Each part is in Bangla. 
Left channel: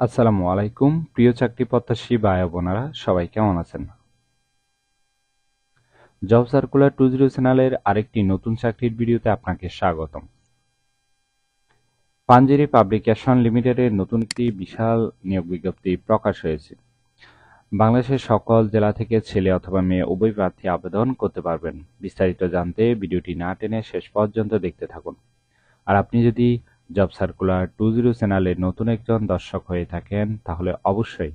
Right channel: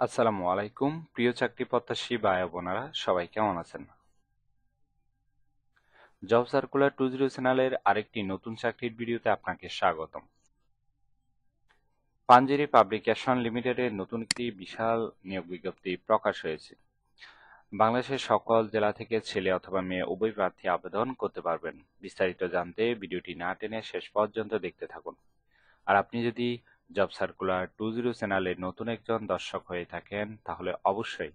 আসসালামু আলাইকুম প্রিয় চাকরি প্রত্যাশী ভাই বোনেরা সবাই কেমন আছেন? জব সার্কুলার 20 চ্যানেলের আরেকটি নতুন চাকরির ভিডিওতে আপনাকে স্বাগতম। পাঞ্জেরি পাবলিকেশন লিমিটেডের নতুন একটি বিশাল নিয়োগ বিজ্ঞপ্তি প্রকাশ হয়েছে। বাংলাদেশের সকল জেলা থেকে ছেলে অথবা মেয়ে উভয় প্রার্থী আবেদন করতে পারবেন। বিস্তারিত জানতে ভিডিওটি না টেনে শেষ পর্যন্ত দেখতে থাকুন। আর আপনি যদি জব সার্কুলার 20 চ্যানেলের নতুন একজন দর্শক হয়ে থাকেন তাহলে অবশ্যই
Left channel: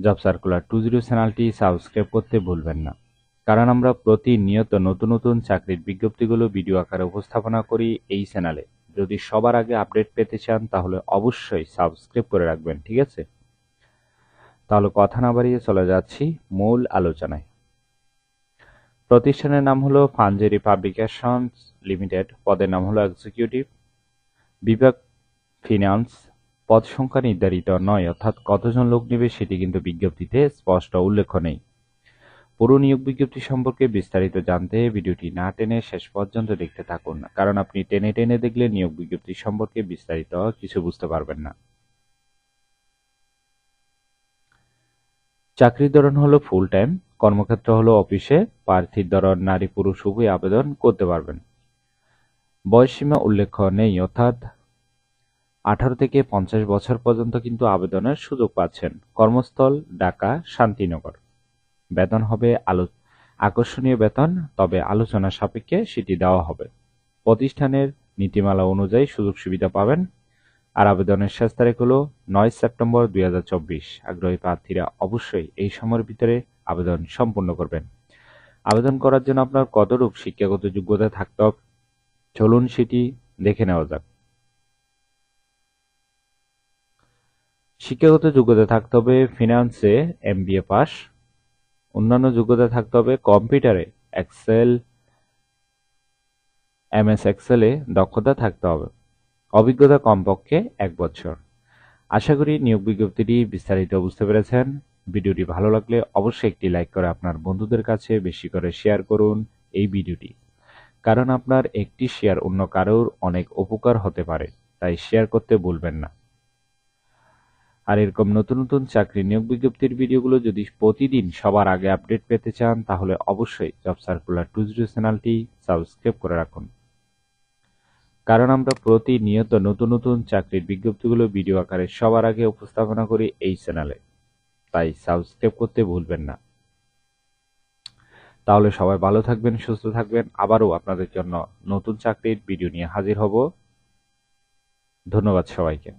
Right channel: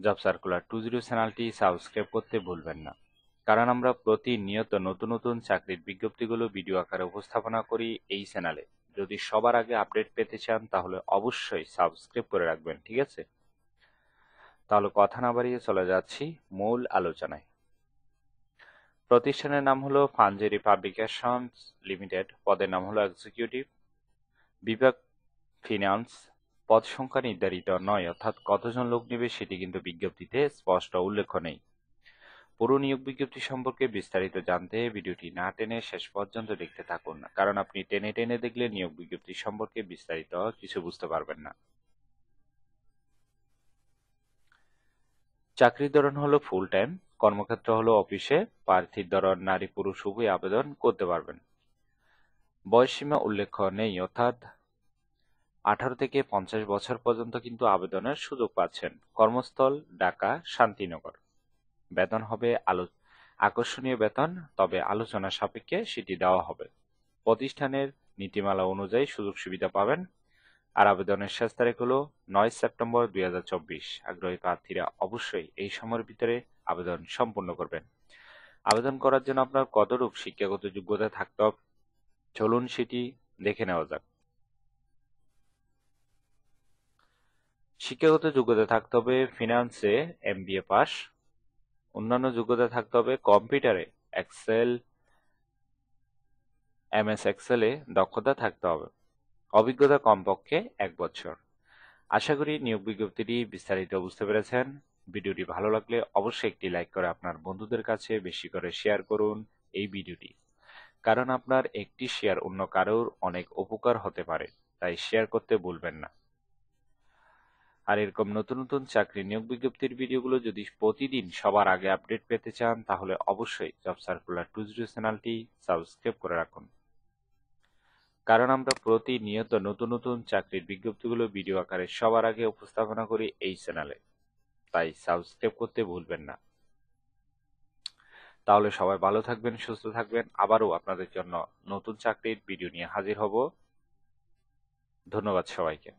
জব সার্কুলার 20 চ্যানেলটি সাবস্ক্রাইব করতে ভুলবেন না, কারণ আমরা প্রতিনিয়ত নতুন নতুন চাকরির বিজ্ঞপ্তিগুলো ভিডিও আকারে উপস্থাপনা করি এই চ্যানেলে। যদি সবার আগে আপডেট পেতে চান তাহলে অবশ্যই সাবস্ক্রাইব করে রাখবেন, ঠিক আছে? তাহলে কথা না বাড়িয়ে চলে যাচ্ছি মূল আলোচনায়। প্রতিষ্ঠানের নাম হলো পাঞ্জেরি পাবলিকেশনস লিমিটেড, পদের নাম হলো এক্সিকিউটিভ, বিভাগ ফিনান্স। পদ সংখ্যা নির্ধারিত নয়, অর্থাৎ কতজন লোক নেবে সেটি কিন্তু বিজ্ঞপ্তিতে স্পষ্ট উল্লেখ নেই। পুরো নিয়োগ বিজ্ঞপ্তি সম্পর্কে বিস্তারিত জানতে ভিডিওটি না টেনে শেষ পর্যন্ত দেখতে থাকুন, কারণ আপনি টেনে টেনে দেখলে নিয়োগ বিজ্ঞপ্তি সম্পর্কে বিস্তারিত কিছু বুঝতে পারবেন না। চাকরির ধরন হলো ফুল টাইম, কর্মক্ষেত্র হলো অফিসে। প্রার্থীর ধরন নারী পুরুষ উভয় আবেদন করতে পারবেন। বয়সসীমা উল্লেখ নেই, অর্থাৎ 18 থেকে 50 বছর পর্যন্ত কিন্তু আবেদনের সুযোগ পাচ্ছেন। কর্মস্থল ঢাকা শান্তিনগর। বেতন হবে আকর্ষণীয় বেতন, তবে আলোচনা সাপেক্ষে সেটি দেওয়া হবে। প্রতিষ্ঠানের নীতিমালা অনুযায়ী সুযোগ সুবিধা পাবেন। আর আবেদনের শেষ তারিখ হলো 9 সেপ্টেম্বর 2024। আগ্রহী প্রার্থীরা অবশ্যই এই সময়ের ভিতরে আবেদন সম্পূর্ণ করবেন। আবেদন করার জন্য আপনার কতটুকু শিক্ষাগত যোগ্যতা থাকতে হবে চলুন সেটি দেখে নেওয়া যাক। শিক্ষাগত যোগ্যতা থাকতে হবে ফিনান্সে MBA পাস। অন্যান্য যোগ্যতা থাকতে হবে কম্পিউটারে এক্সেল MS এক্সেলে দক্ষতা থাকতে হবে। অভিজ্ঞতা কমপক্ষে 1 বছর। আশা করি নিয়োগ বিজ্ঞপ্তিটি বিস্তারিত বুঝতে পেরেছেন। ভিডিওটি ভালো লাগলে অবশ্যই একটি লাইক করে আপনার বন্ধুদের কাছে বেশি করে শেয়ার করুন এই ভিডিওটি, কারণ আপনার একটি শেয়ার অন্য কারোর অনেক উপকার হতে পারে, তাই শেয়ার করতে ভুলবেন না। আর এরকম নতুন নতুন চাকরি নিয়োগ বিজ্ঞপ্তির ভিডিওগুলো যদি প্রতিদিন সবার আগে আপডেট পেতে চান তাহলে অবশ্যই জব সার্কুলার 20 চ্যানেলটি সাবস্ক্রাইব করে রাখুন, কারণ আমরা প্রতিনিয়ত নতুন নতুন চাকরির বিজ্ঞপ্তিগুলো ভিডিও আকারে সবার আগে উপস্থাপনা করি এই চ্যানেলে, তাই সাবস্ক্রাইব করতে ভুলবেন না। তাহলে সবাই ভালো থাকবেন, সুস্থ থাকবেন। আবারও আপনাদের জন্য নতুন চাকরির ভিডিও নিয়ে হাজির হব। ধন্যবাদ সবাইকে।